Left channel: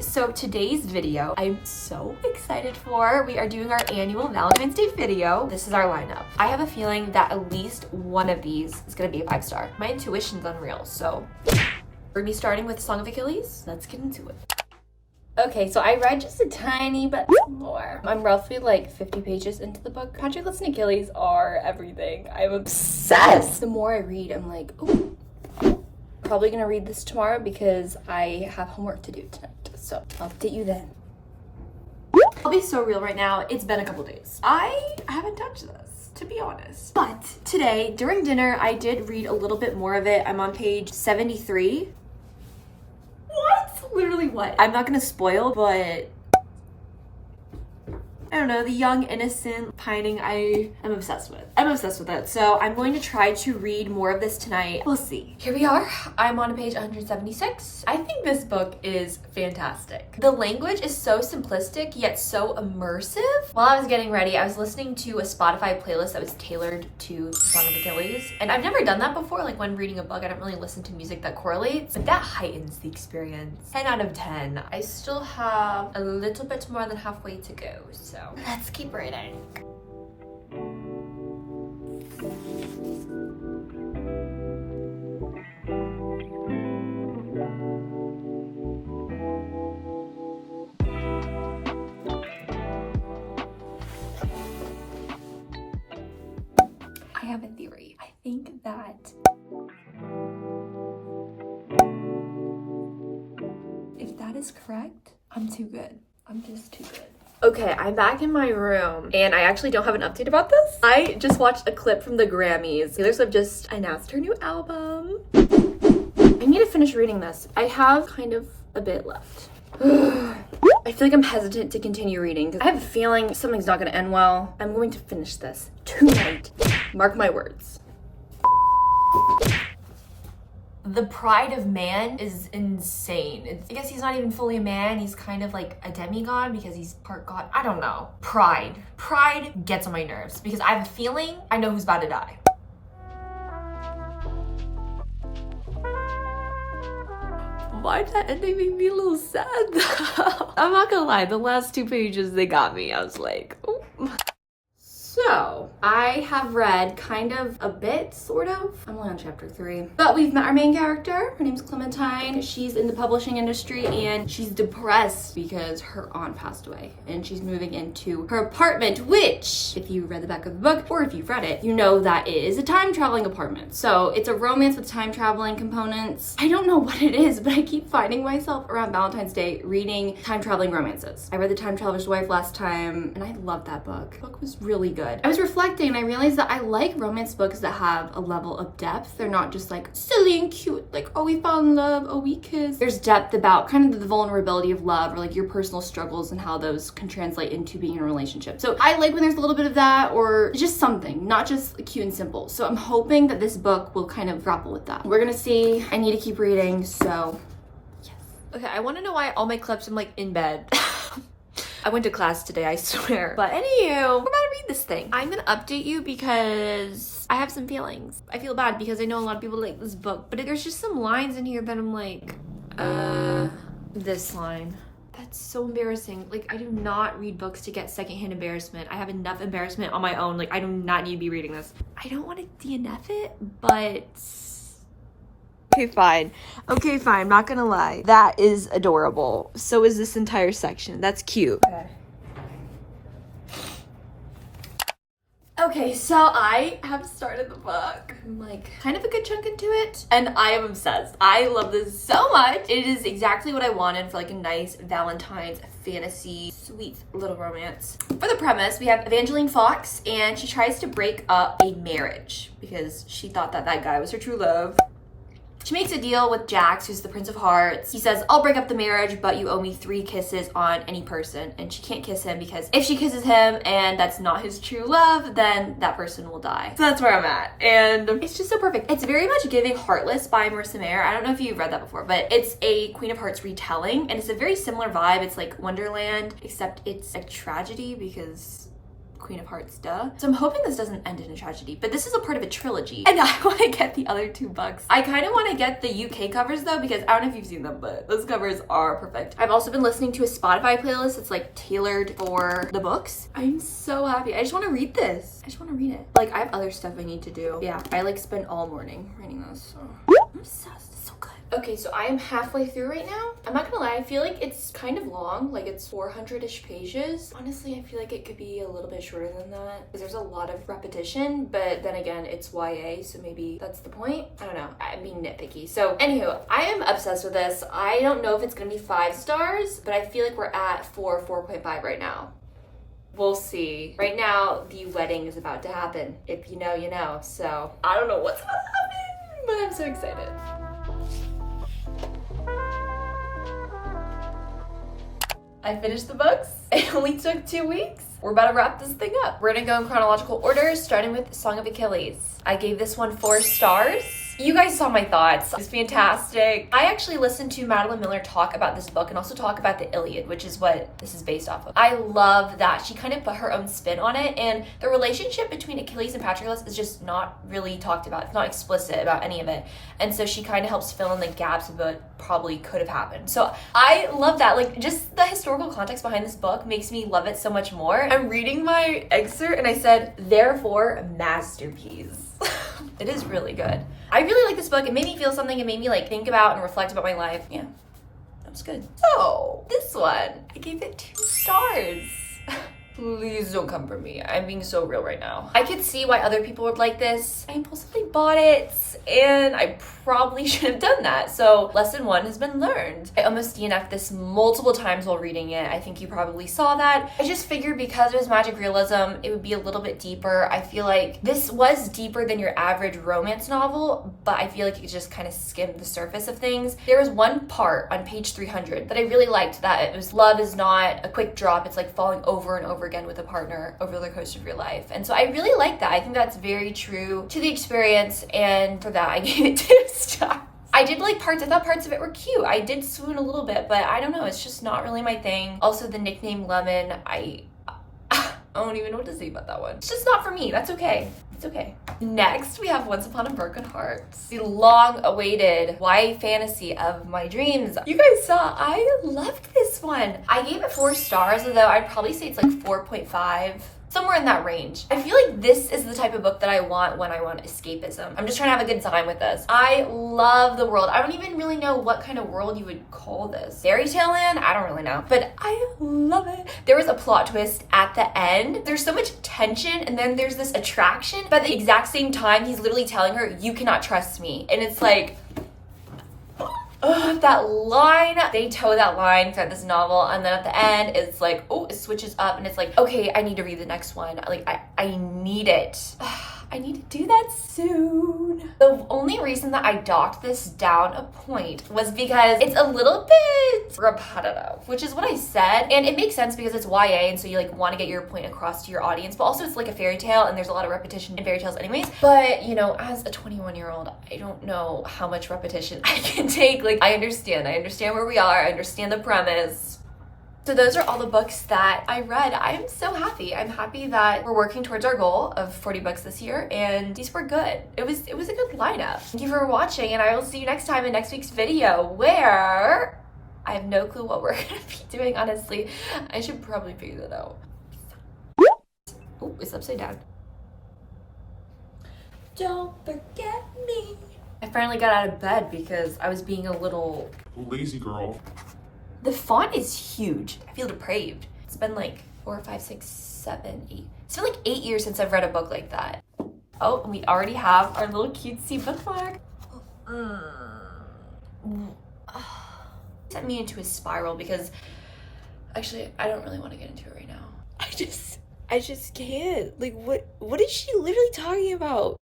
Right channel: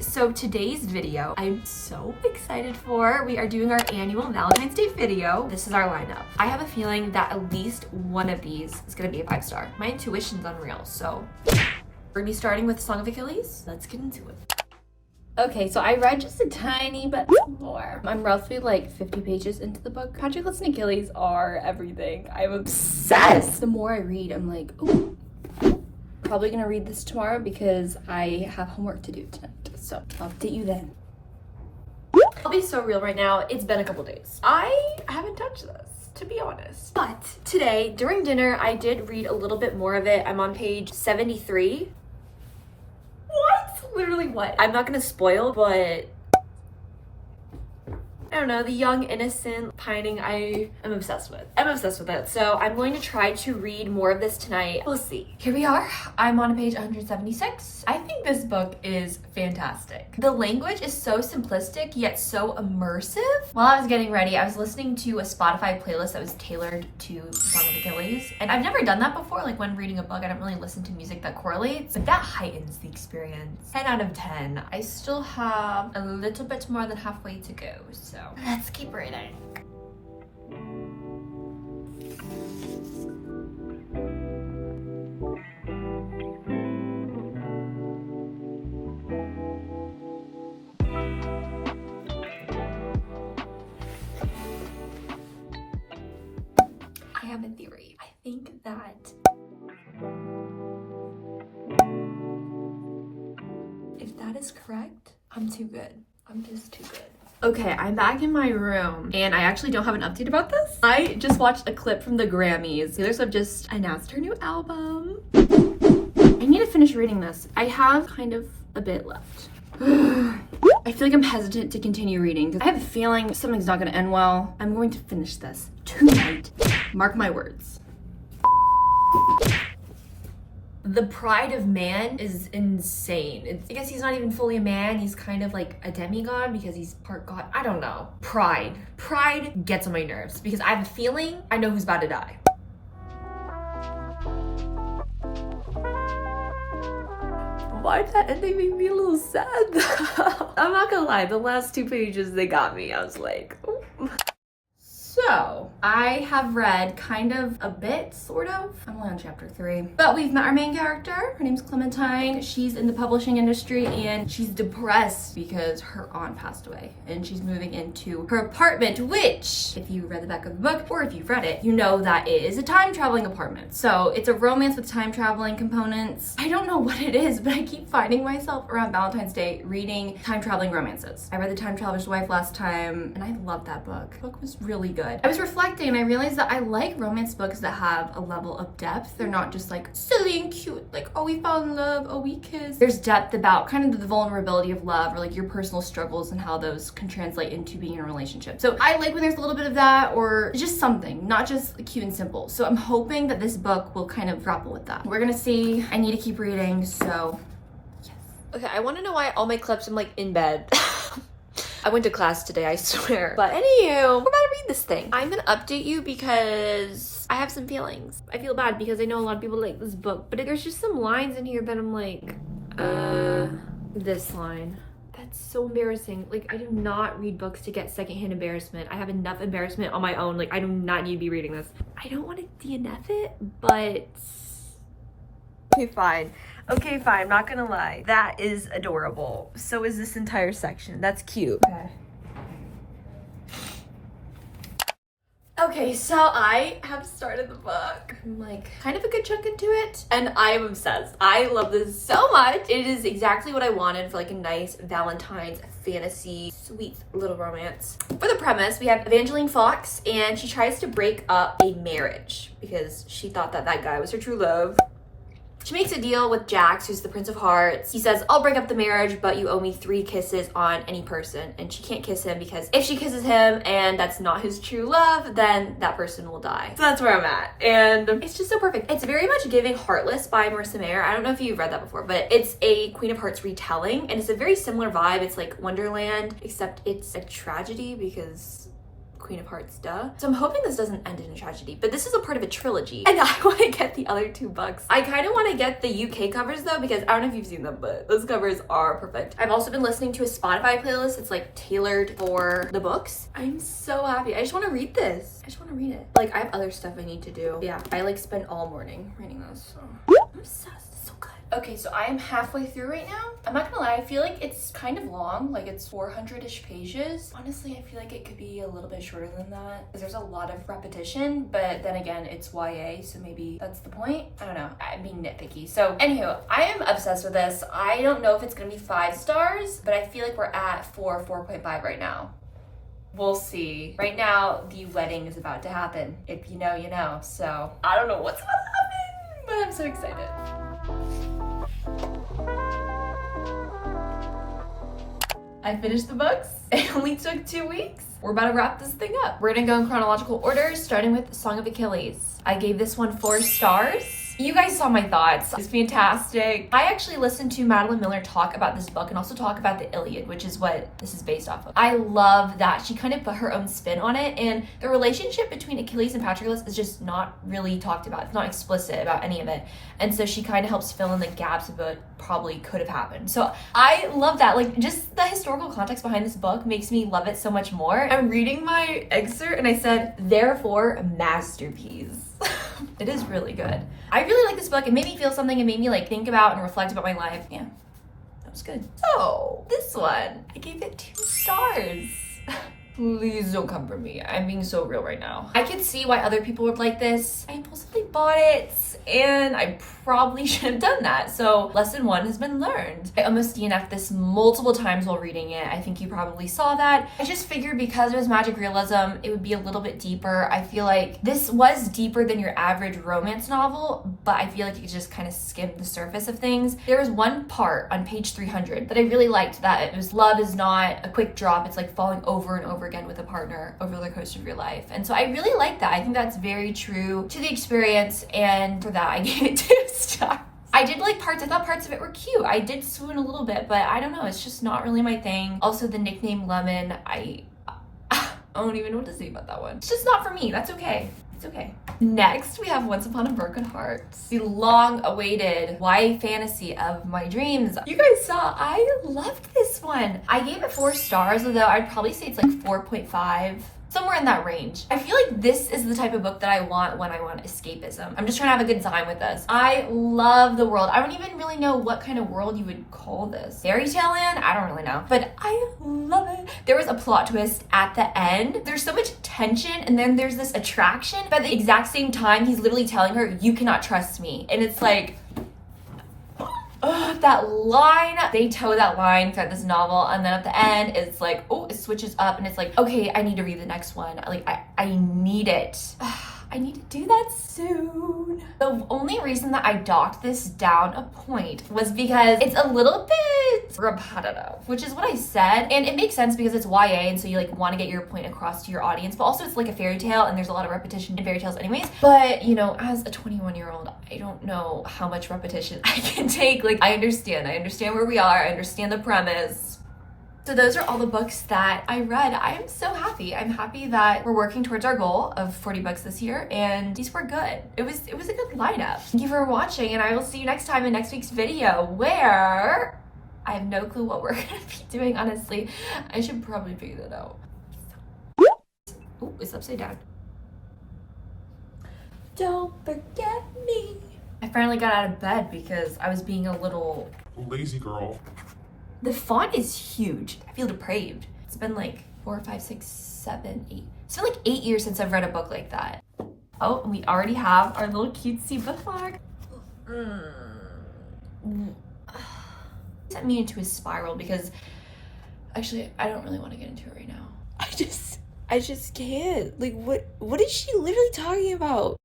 Okay, so today's video I'm so excited for. We are doing our annual Valentine's Day video. This is our lineup. I have a feeling that at least one of these is gonna be a 5-star. My intuition's unreal, so we're gonna be starting with Song of Achilles. Let's get into it. Okay, so I read just a tiny bit more. I'm roughly like 50 pages into the book. Achilles and Achilles are everything. I'm obsessed. The more I read, I'm like, ooh, probably gonna read this tomorrow because I have homework to do tonight. So I'll update you then. I'll be so real right now. It's been a couple days. I haven't touched this, to be honest. But today, during dinner, I did read a little bit more of it. I'm on page 73. What? Literally what? I'm not gonna spoil, but I don't know, the young, innocent pining I am obsessed with. I'm obsessed with it. So I'm going to try to read more of this tonight. We'll see. Here we are. I'm on page 176. I think this book is fantastic. The language is so simplistic, yet so immersive. While I was getting ready, I was listening to a Spotify playlist that was tailored to Song of Achilles. And I've never done that before. Like when reading a book, I don't really listen to music that correlates, but that heightens the experience. 10 out of 10. I still have a little bit more than halfway to go, so let's keep reading. I have a theory. I think that if that is correct, I'm too good. I'm just too good. Okay, I'm back in my room and I actually don't have an update about this. I just watched a clip from the Grammys. Taylor Swift just announced her new album. I need to finish reading this. I have kind of a bit left. I feel like I'm hesitant to continue reading because I have a feeling something's not gonna end well. I'm going to finish this tonight. Mark my words. The pride of man is insane. I guess he's not even fully a man. He's kind of like a demigod because he's part god. I don't know. Pride. Pride gets on my nerves because I have a feeling I know who's about to die. Why did that ending make me a little sad though? I'm not gonna lie, the last 2 pages, they got me. I was like, ooh. So, I have read kind of a bit, sort of. I'm only on chapter 3. But we've met our main character. Her name's Clementine. She's in the publishing industry and she's depressed because her aunt passed away. And she's moving into her apartment, which, if you read the back of the book, or if you've read it, you know that it is a time traveling apartment. So, it's a romance with time traveling components. I don't know what it is, but I keep finding myself around Valentine's Day reading time traveling romances. I read The Time Traveler's Wife last time, and I loved that book. The book was really good. I was reflecting and I realized that I like romance books that have a level of depth. They're not just like silly and cute, like, oh, we fell in love, oh, we kissed. There's depth about kind of the vulnerability of love or like your personal struggles and how those can translate into being in a relationship. So I like when there's a little bit of that or just something, not just cute and simple. So I'm hoping that this book will kind of grapple with that. We're gonna see. I need to keep reading, so yes. Okay, I wanna know why all my clips I'm like in bed. I went to class today, I swear. But anywho, we're about to read this thing. I'm gonna update you because I have some feelings. I feel bad because I know a lot of people like this book, but there's just some lines in here that I'm like, this line. That's so embarrassing. Like, I do not read books to get secondhand embarrassment. I have enough embarrassment on my own. Like, I do not need to be reading this. I don't want to DNF it, but okay, fine. Okay, fine. I'm not gonna lie. That is adorable. So is this entire section. That's cute. Okay, so I have started the book. I'm like kind of a good chunk into it and I am obsessed. I love this so much. It is exactly what I wanted for like a nice Valentine's fantasy, sweet little romance. For the premise, we have Evangeline Fox and she tries to break up a marriage because she thought that that guy was her true love. She makes a deal with Jax, who's the Prince of Hearts. He says, I'll break up the marriage, but you owe me 3 kisses on any person. And she can't kiss him because if she kisses him and that's not his true love, then that person will die. So that's where I'm at. And it's just so perfect. It's very much giving Heartless by Marissa Mayer. I don't know if you've read that before, but it's a Queen of Hearts retelling. And it's a very similar vibe. It's like Wonderland, except it's a tragedy because Queen of Hearts, duh. So I'm hoping this doesn't end in a tragedy, but this is a part of a trilogy and I want to get the other 2 books. I kind of want to get the UK covers though, because I don't know if you've seen them, but those covers are perfect. I've also been listening to a Spotify playlist. It's like tailored for the books. I'm so happy. I just want to read this. I just want to read it. Like, I have other stuff I need to do. Yeah, I like spent all morning reading this. So. I'm obsessed. It's so good. Okay, so I am halfway through right now. I'm not gonna lie, I feel like it's kind of long, like it's 400-ish pages. Honestly, I feel like it could be a little bit shorter than that because there's a lot of repetition, but then again, it's YA, so maybe that's the point. I don't know, I'm being nitpicky. So anywho, I am obsessed with this. I don't know if it's gonna be 5 stars, but I feel like we're at 4.5 right now. We'll see. Right now, the wedding is about to happen. If you know, you know. So I don't know what's about to happen, but I'm so excited. I finished the books. It only took 2 weeks. We're about to wrap this thing up. We're gonna go in chronological order, starting with Song of Achilles. I gave this one 4 stars. You guys saw my thoughts. It's fantastic. I actually listened to Madeline Miller talk about this book and also talk about the Iliad, which is what this is based off of. I love that she kind of put her own spin on it, and the relationship between Achilles and Patroclus is just not really talked about. It's not explicit about any of it. And so she kind of helps fill in the gaps of what probably could have happened. So I love that. Like, just the historical context behind this book makes me love it so much more. I'm reading my excerpt and I said, therefore, masterpiece. It is really good. I really like this book. It made me feel something. It made me like think about and reflect about my life. Yeah, that was good. So this one, I gave it 2 stars. Please don't come for me. I'm being so real right now. I could see why other people would like this. I impulsively bought it and I probably should have done that. So lesson 1 has been learned. I almost DNF'd this multiple times while reading it. I think you probably saw that. I just figured because it was magic realism, it would be a little bit deeper. I feel like this was deeper than your average romance novel, but I feel like it just kind of skimmed the surface of things. There was one part on page 300 that I really liked, that it was love is not a quick drop. It's like falling over and over again with a partner over the course of your life. And so I really like that. I think that's very true to the experience, and for that I gave it 2 stars. I did like parts. I thought parts of it were cute. I did swoon a little bit, but I don't know. It's just not really my thing. Also, the nickname Lemon, I don't even know what to say about that one. It's just not for me. That's okay. It's okay. Next, we have Once Upon a Broken Heart, the long-awaited YA fantasy of my dreams. You guys saw, I loved this one. I gave it 4 stars, although I'd probably say it's like 4.5. Somewhere in that range. I feel like this is the type of book that I want when I want escapism. I'm just trying to have a good time with this. I love the world. I don't even really know what kind of world you would call this. Fairy tale land? I don't really know. But I love it. There was a plot twist at the end. There's so much tension, and then there's this attraction. But at the exact same time, he's literally telling her, you cannot trust me. And it's like, that line, they toe that line throughout this novel, and then at the end it's like, oh, it switches up and it's like, okay, I need to read the next one. Like, I need it. I need to do that soon. The only reason that I docked this down a point was because it's a little bit repetitive, which is what I said. And it makes sense because it's YA, and so you like want to get your point across to your audience, but also it's like a fairy tale and there's a lot of repetition in fairy tales anyways. But you know, as a 21-year-old, I don't know how much repetition I can take. Like, I understand where we are. I understand the premise. So those are all the books that I read. I am so happy. I'm happy that we're working towards our goal of 40 books this year, and these were good. It was a good lineup. Thank you for watching, and I will see you next time in next week's video, where I have no clue what we're gonna be doing, honestly. I should probably figure that out. Oh, it's upside down. Don't forget me. I finally got out of bed because I was being a little lazy girl. The font is huge. I feel depraved. It's been like 4, 5, 6, 7, 8. It's been like 8 years since I've read a book like that. Oh, and we already have our little cutesy bookmark. Sent me into a spiral because actually I don't really want to get into it right now. I just can't. Like, what is she literally talking about?